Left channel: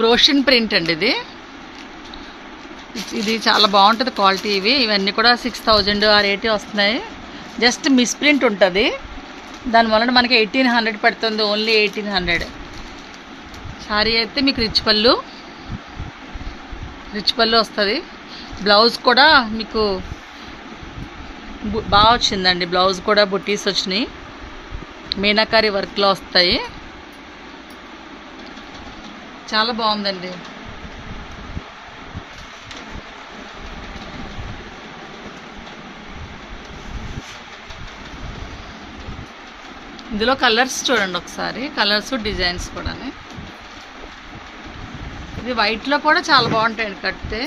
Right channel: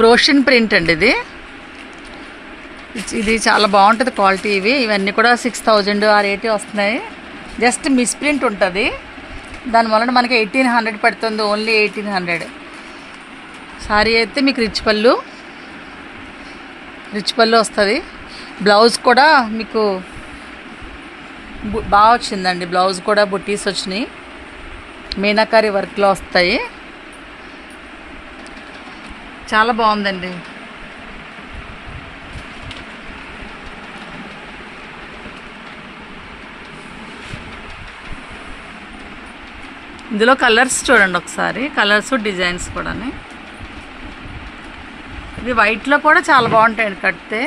ప్రోషన్ print అండి ఇది. ఇది చాలా బాగుంటుంది క్వాలిటీ. ఇవన్నీ కూడా 6000 ఆ రేటే వస్తున్నాయి. జస్ట్ మిస్ప్రింట్ ఉంటుంది, దానివల్ల మనకి 1800 పడుతుంది. ఓన్లీ 1800. సారీ అయితే మీకు రిచ్ పళ్ళు వస్తుంది. బ్లౌజ్ కూడా మీకు బాగా వచ్చిందండి. బ్లౌజ్ కూడా బుట్టీస్ వచ్చినాయి, మీనాకారి వర్క్లో వస్తాయి. చాలా బాగుందండి. ఇందులో కలర్స్ చూడండి ఒకసారి, కలర్స్ డిజైన్స్ కూడా. ఇది వైట్లో కూడా చాలా బాగుంటాయండి కడితే.